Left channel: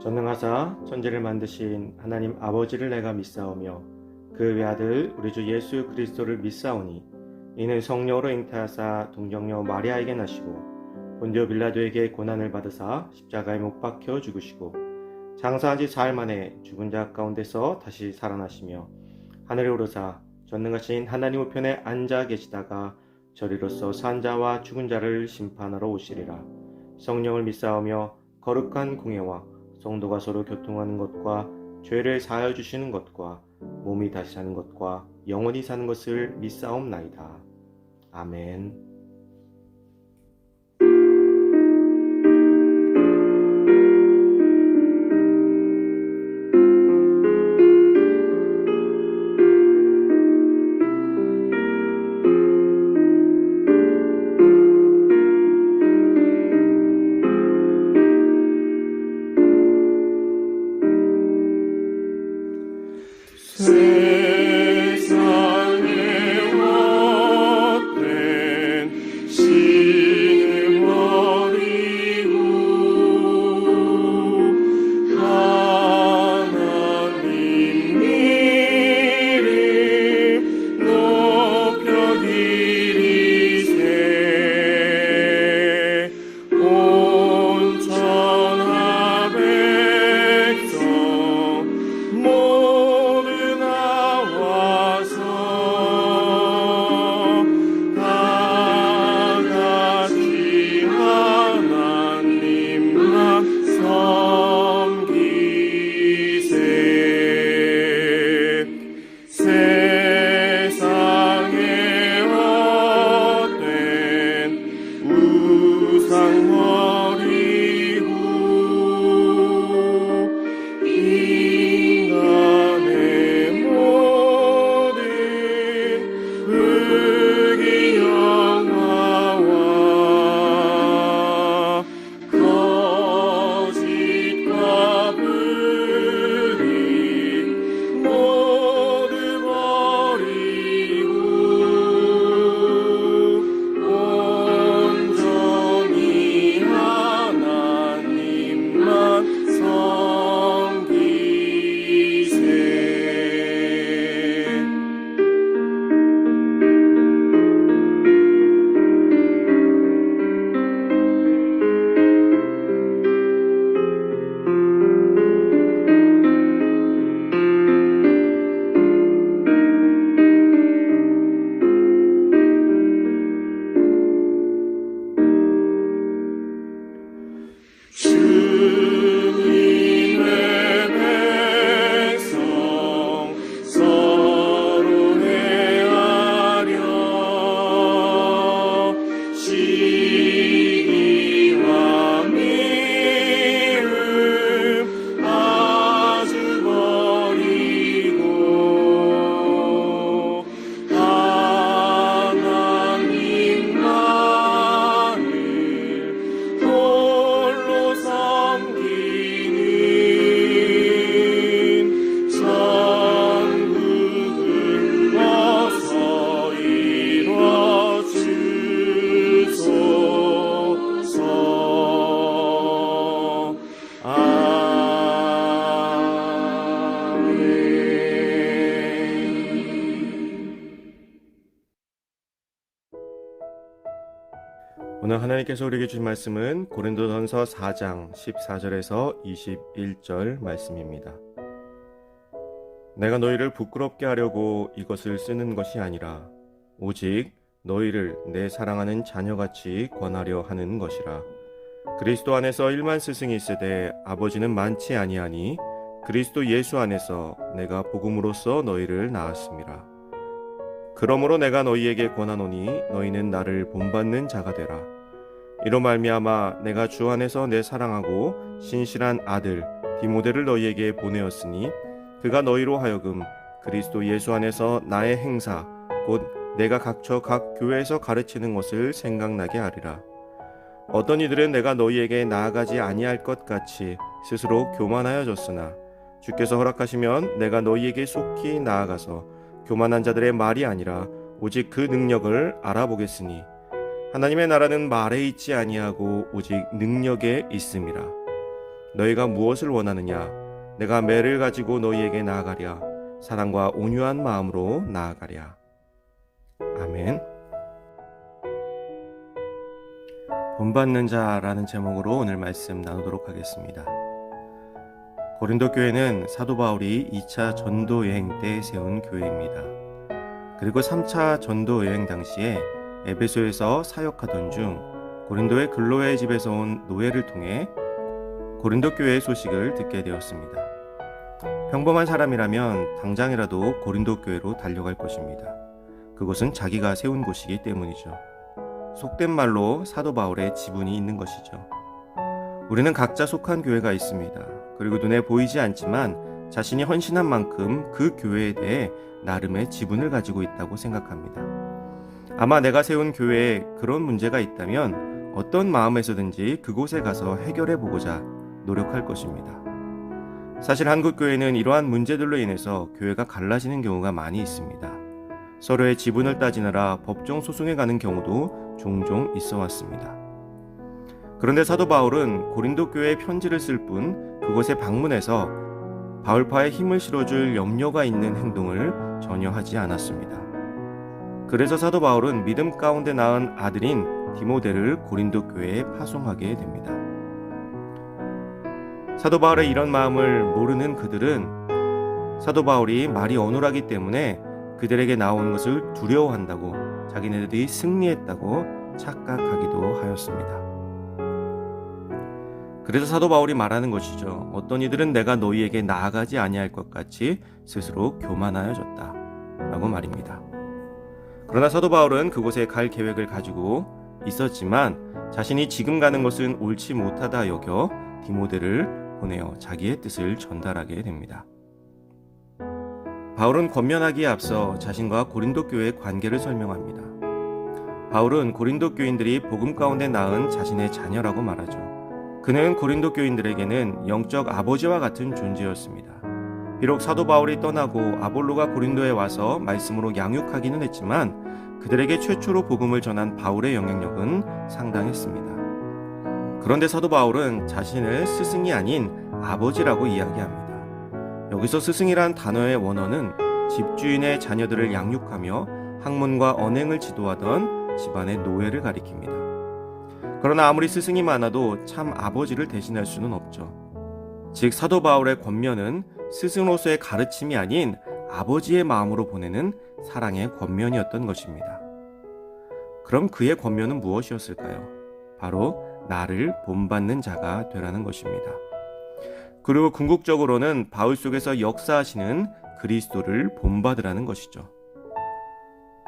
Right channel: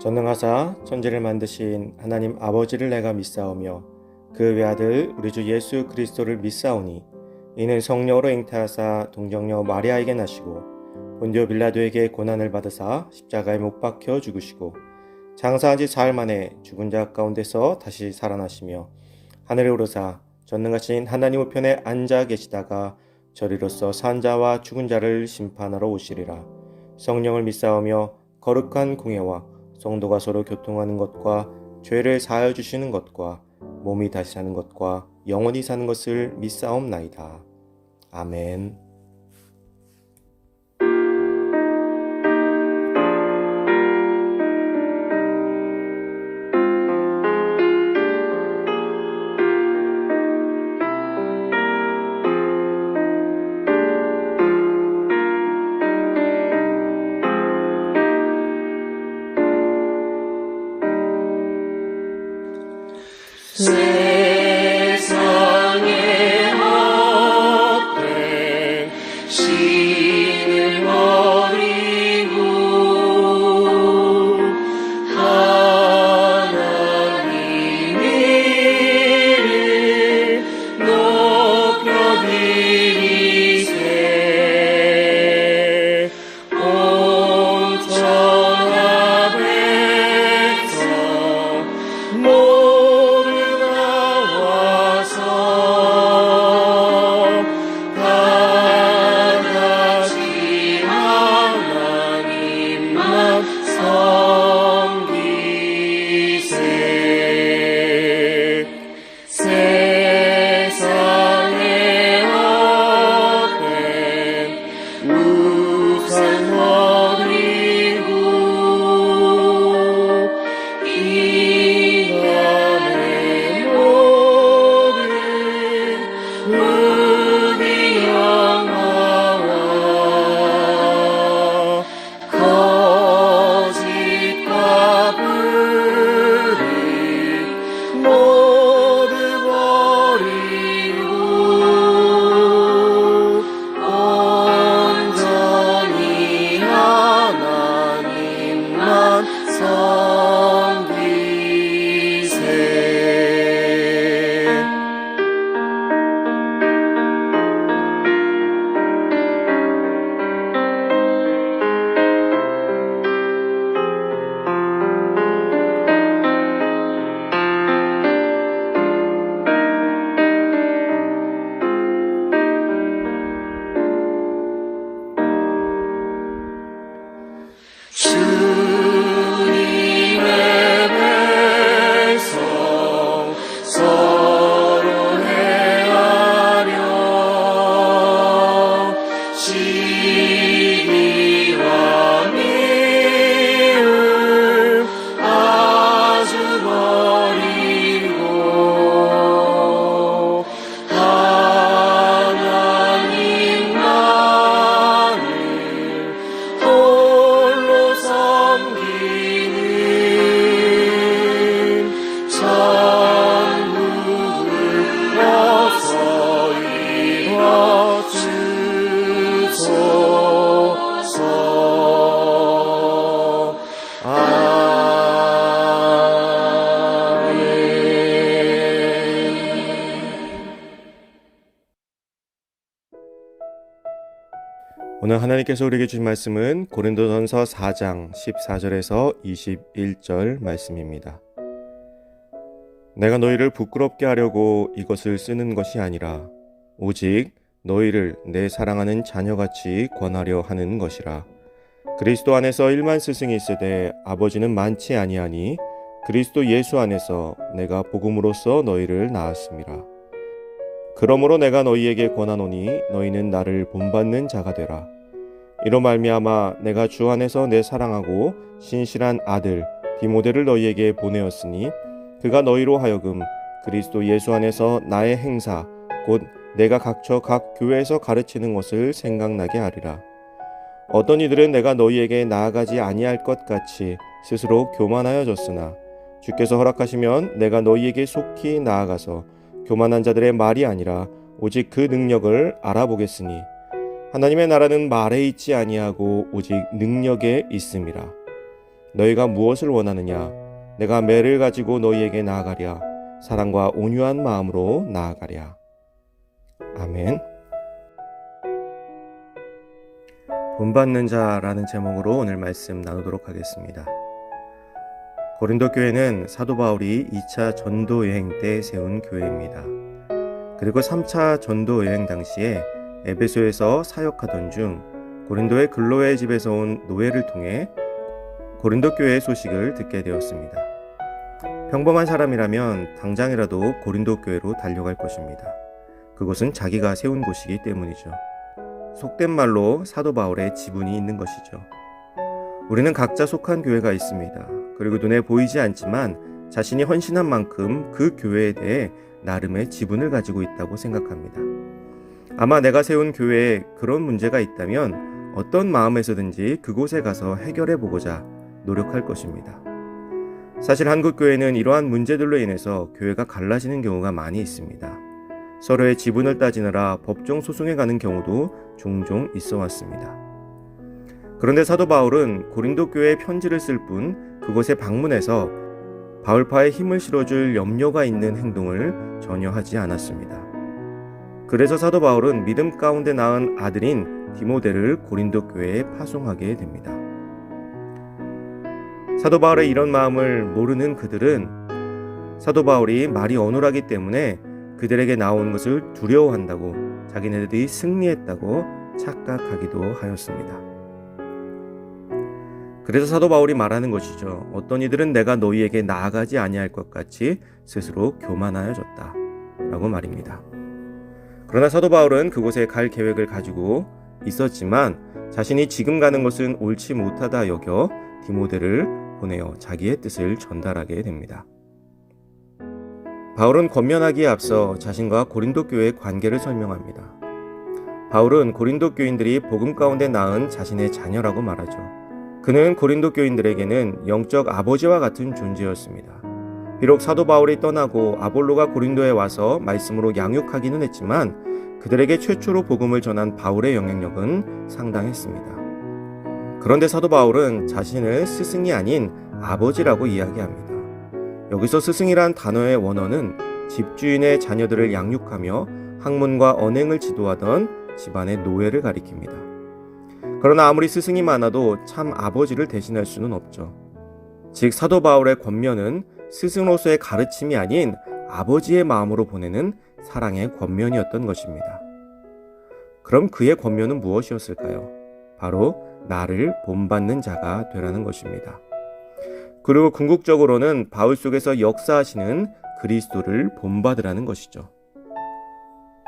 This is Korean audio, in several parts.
전능하사 천지를 만드신 하나님 아버지를 내가 믿사오며 그 외아들 우리 주 예수 그리스도를 믿사오니 이는 성령으로 잉태하사 동정녀 마리아에게 나시고 본디오 빌라도에게 고난을 받으사 십자가에 못 박혀 죽으시고 장사한 지 사흘 만에 죽은 자 가운데서 다시 살아나시며 하늘에 오르사 전능하신 하나님 우편에 앉아 계시다가 저리로서 산 자와 죽은 자를 심판하러 오시리라. 성령을 믿사오며 거룩한 공예와 성도가 서로 교통하는 것과 죄를 사하여 주시는 것과 몸이 다시 사는 것과 영원히 사는 것을 믿사옵나이다. 아멘. 세상의 헛된 신을 버리고 하나님 이를 높여드리세. 온 천하 백성 모두 나와서 다 같이 하나님만 섬기세. 세상의 헛된 우상 버리고 인간의 모든 불의영화와 거짓과 불의 모두 버리고 온전히 하나님만 섬기세. 주님의 백성 서로 헤아려 시기와 미움 아주 버리고 하나님만을 홀로 섬기는 천국을 어서 이뤄주소서. 아멘. 오늘 하나님께서 우리에게 주신 말씀은 고린도전서 4장 14절에서 21절 말씀입니다. 내가 너희를 부끄럽게 하려고 이것을 쓰는 것이 아니라 오직 너희를 내 사랑하는 자녀같이 권하려 하는 것이라. 그리스도 안에서 일만 스승이 있으되 아버지는 많지 아니하니 그리스도 예수 안에서 내가 복음으로써 너희를 낳았습니다. 그러므로 내가 너희에게 권하노니 너희는 나를 본받는 자가 되라. 이로 말미암아 내가 주 안에서 내 사랑하고 신실한 아들 디모데를 너희에게 보내었으니 그가 너희로 하여금 그리스도 예수 안에서 나의 행사 곧 내가 각처 각 교회에서 가르치는 것을 생각나게 하리라. 어떤 이들은 내가 너희에게 나아가지 아니할 것 같이 스스로 교만하여졌으나 주께서 허락하시면 내가 너희에게 속히 나아가서 교만한 자들의 말이 아니라 오직 그 능력을 알아보겠으니 하나님의 나라는 말에 있지 아니하고 오직 능력에 있음이라. 너희가 무엇을 원하느냐? 내가 매를 가지고 너희에게 나아가랴. 사랑과 온유한 마음으로 나아가랴. 아멘. 본받는 자라는 제목으로 오늘 말씀 나누도록 하겠습니다. 고린도 교회는 사도 바울이 2차 전도 여행 때 세운 교회입니다. 그리고 3차 전도 여행 당시에 에베소에서 사역하던 중 고린도의 글로의 집에서 온 노예를 통해 고린도 교회의 소식을 듣게 되었습니다. 평범한 사람이라면 당장이라도 고린도 교회로 달려갈 것입니다. 그곳은 자기가 세운 곳이기 때문이죠. 속된 말로 사도 바울의 지분이 있는 것이죠. 우리는 각자 속한 교회가 있습니다. 그리고 눈에 보이지 않지만 자신이 헌신한 만큼 그 교회에 대해 나름의 지분을 가지고 있다고 생각합니다. 아마 내가 세운 교회에 그런 문제가 있다면 어떤 마음에서든지 그곳에 가서 해결해 보고자 노력할 것입니다. 사실 한국 교회는 이러한 문제들로 인해서 교회가 갈라지는 경우가 많이 있습니다. 서로의 지분을 따지느라 법정 소송에 가는 경우도 종종 있어 왔습니다. 그런데 사도 바울은 고린도 교회에 편지를 쓸 뿐 그곳에 방문해서 바울파에 힘을 실어줄 염려가 있는 행동을 전혀 하지 않았습니다. 그래서 사도 바울은 믿음 가운데 낳은 아들인 디모데를 고린도 교회에 파송하게 됩니다. 사도 바울의 이런 마음을 모르는 그들은 사도 바울이 말이 어눌하기 때문에 그들에게 나오는 것을 두려워한다고, 자기네들이 승리했다고 착각하기도 하였습니다. 그래서 사도 바울이 말하는 것이죠. 어떤 이들은 내가 너희에게 나아가지 아니할 것 같이 스스로 교만하여졌다 라고 말입니다. 그러나 사도 바울은 그곳에 갈 계획을 가지고 있었지만 자신이 지금 가는 것은 옳지 못하다 여겨 디모데를 보내어 자기의 뜻을 전달하게 됩니다. 바울은 권면하기에 앞서 자신과 고린도 교회의 관계를 설명합니다. 바울은 고린도 교인들이 복음 가운데 낳은 자신의 자녀라고 말하죠. 그는 고린도 교인들에게는 영적 아버지와 같은 존재였습니다. 비록 사도 바울이 떠나고 아볼로가 고린도에 와서 말씀으로 양육하기는 했지만 그들에게 최초로 복음을 전한 바울의 영향력은 상당했습니다. 그런데 사도 바울은 자신을 스승이 아닌 아버지라고 이야기합니다. 여기서 스승이란 단어의 원어는 집주인의 자녀들을 양육하며 학문과 언행을 지도하던 집안의 노예를 가리킵니다. 그러나 아무리 스승이 많아도 참 아버지를 대신할 수는 없죠. 즉 사도 바울의 권면은 스승으로서의 가르침이 아닌 아버지의 마음으로 보내는 사랑의 권면이었던 것입니다. 그럼 그의 권면은 무엇이었을까요? 바로 나를 본받는 자가 되라는 것입니다. 그리고 궁극적으로는 바울 속에서 역사하시는 그리스도를 본받으라는 것이죠.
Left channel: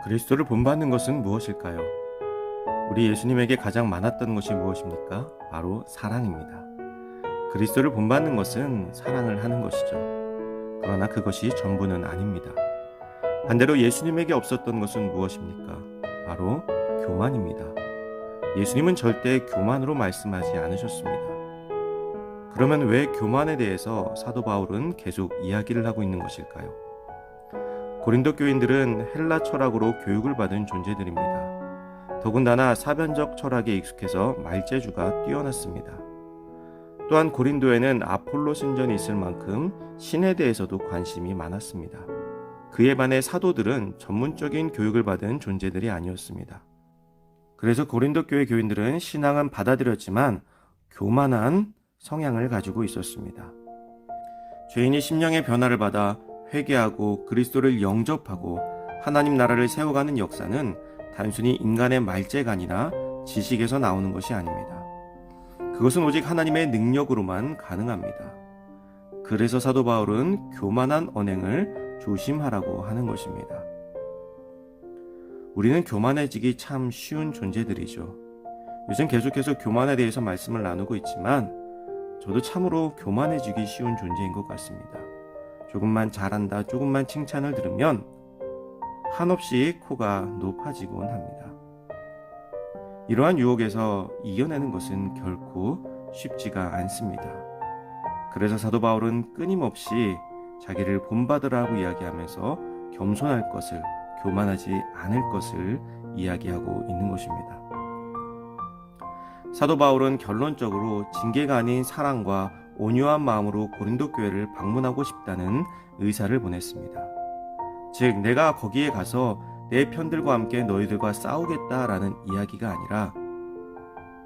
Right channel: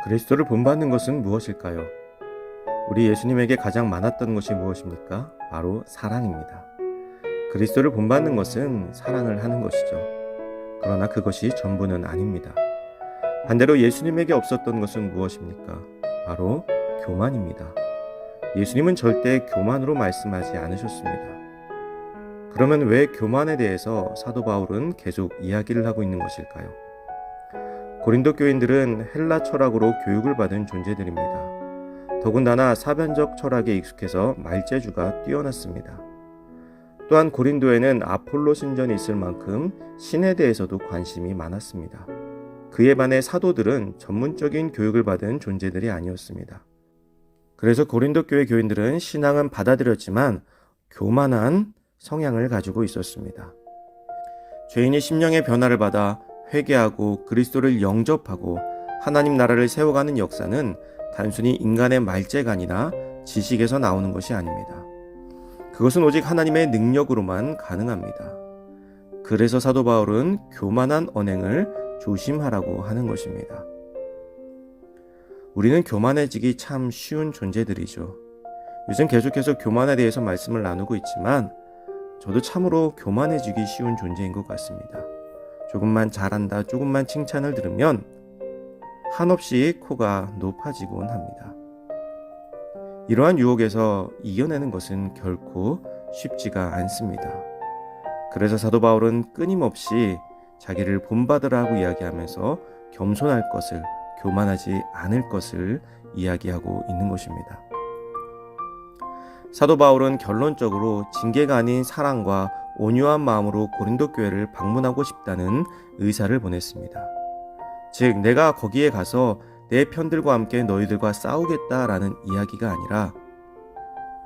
그리스도를 본받는 것은 무엇일까요? 우리 예수님에게 가장 많았던 것이 무엇입니까? 바로 사랑입니다. 그리스도를 본받는 것은 사랑을 하는 것이죠. 그러나 그것이 전부는 아닙니다. 반대로 예수님에게 없었던 것은 무엇입니까? 바로 교만입니다. 예수님은 절대 교만으로 말씀하지 않으셨습니다. 그러면 왜 교만에 대해서 사도 바울은 계속 이야기를 하고 있는 것일까요? 고린도 교인들은 헬라 철학으로 교육을 받은 존재들입니다. 더군다나 사변적 철학에 익숙해서 말재주가 뛰어났습니다. 또한 고린도에는 아폴로 신전이 있을 만큼 신에 대해서도 관심이 많았습니다. 그에 반해 사도들은 전문적인 교육을 받은 존재들이 아니었습니다. 그래서 고린도 교회 교인들은 신앙은 받아들였지만 교만한 성향을 가지고 있었습니다. 죄인이 심령의 변화를 받아 회개하고 그리스도를 영접하고 하나님 나라를 세워가는 역사는 단순히 인간의 말재간이나 지식에서 나오는 것이 아닙니다. 그것은 오직 하나님의 능력으로만 가능합니다. 그래서 사도 바울은 교만한 언행을 조심하라고 하는 것입니다. 우리는 교만해지기 참 쉬운 존재들이죠. 요즘 계속해서 교만에 대해서 말씀을 나누고 있지만 저도 참으로 교만해지기 쉬운 존재인 것 같습니다. 조금만 잘한다, 조금만 칭찬을 들으면 한없이 코가 높아지곤 합니다. 이러한 유혹에서 이겨내는 것은 결코 쉽지가 않습니다. 그래서 사도 바울은 끊임없이 자기를 본받으라고 이야기하면서 겸손할 것을, 교만하지 않을 것을 이야기하고 있는 것입니다. 사도 바울은 결론적으로 징계가 아닌 사랑과 온유한 마음으로 고린도 교회를 방문하고 싶다는 의사를 보냈습니다. 즉, 내가 거기에 가서 내 편들과 함께 너희들과 싸우겠다라는 이야기가 아니라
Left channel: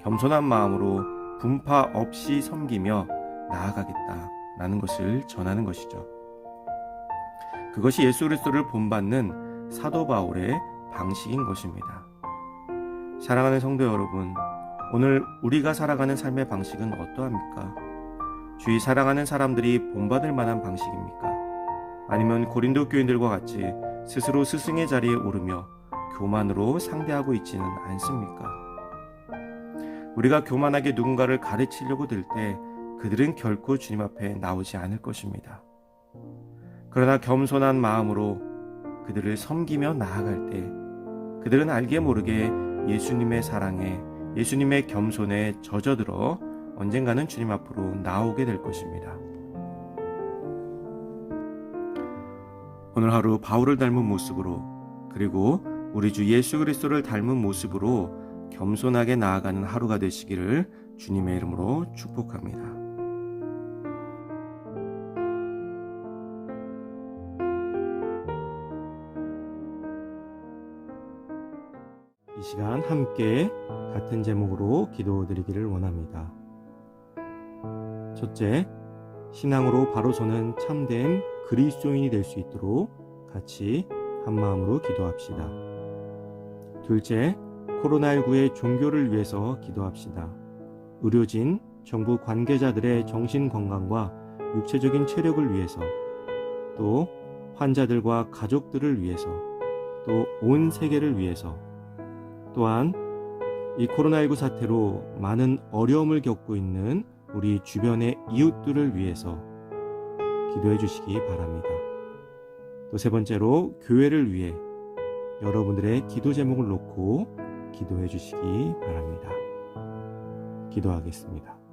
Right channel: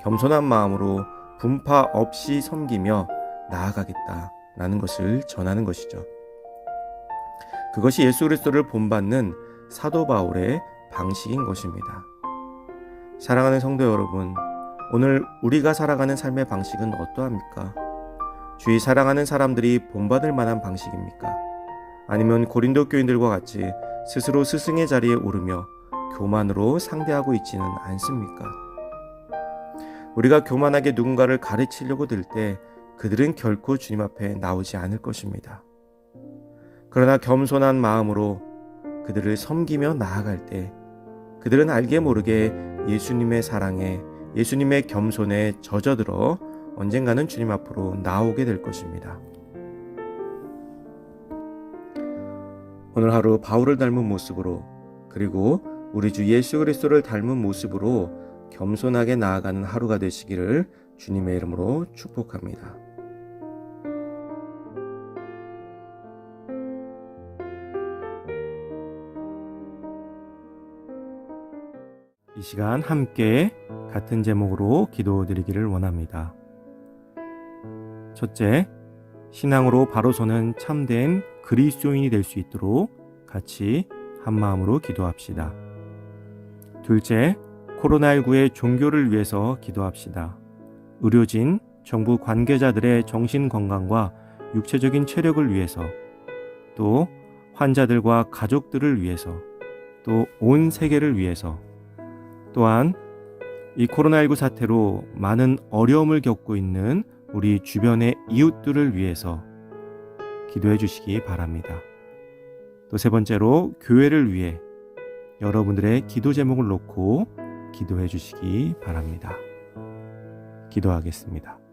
겸손한 마음으로 분파 없이 섬기며 나아가겠다라는 것을 전하는 것이죠. 그것이 예수 그리스도를 본받는 사도 바울의 방식인 것입니다. 사랑하는 성도 여러분, 오늘 우리가 살아가는 삶의 방식은 어떠합니까? 주위 사랑하는 사람들이 본받을 만한 방식입니까? 아니면 고린도 교인들과 같이 스스로 스승의 자리에 오르며 교만으로 상대하고 있지는 않습니까? 우리가 교만하게 누군가를 가르치려고 들 때 그들은 결코 주님 앞에 나오지 않을 것입니다. 그러나 겸손한 마음으로 그들을 섬기며 나아갈 때 그들은 알게 모르게 예수님의 사랑에, 예수님의 겸손에 젖어들어 언젠가는 주님 앞으로 나오게 될 것입니다. 오늘 하루 바울을 닮은 모습으로, 그리고 우리 주 예수 그리스도를 닮은 모습으로 겸손하게 나아가는 하루가 되시기를 주님의 이름으로 축복합니다. 이 시간 함께 같은 제목으로 기도드리기를 원합니다. 첫째, 신앙으로 바로 서는 참된 그리스도인이 될 수 있도록 같이 한마음으로 기도합시다. 둘째, 코로나19의 종교를 위해서 기도합시다. 의료진, 정부 관계자들의 정신건강과 육체적인 체력을 위해서, 또 환자들과 가족들을 위해서, 또 온 세계를 위해서, 또한 이 코로나19 사태로 많은 어려움을 겪고 있는 우리 주변의 이웃들을 위해서 기도해 주시기 바랍니다. 또 세 번째로 교회를 위해 여러분들의 기도 제목을 놓고 기도해 주시기 바랍니다. 기도하겠습니다.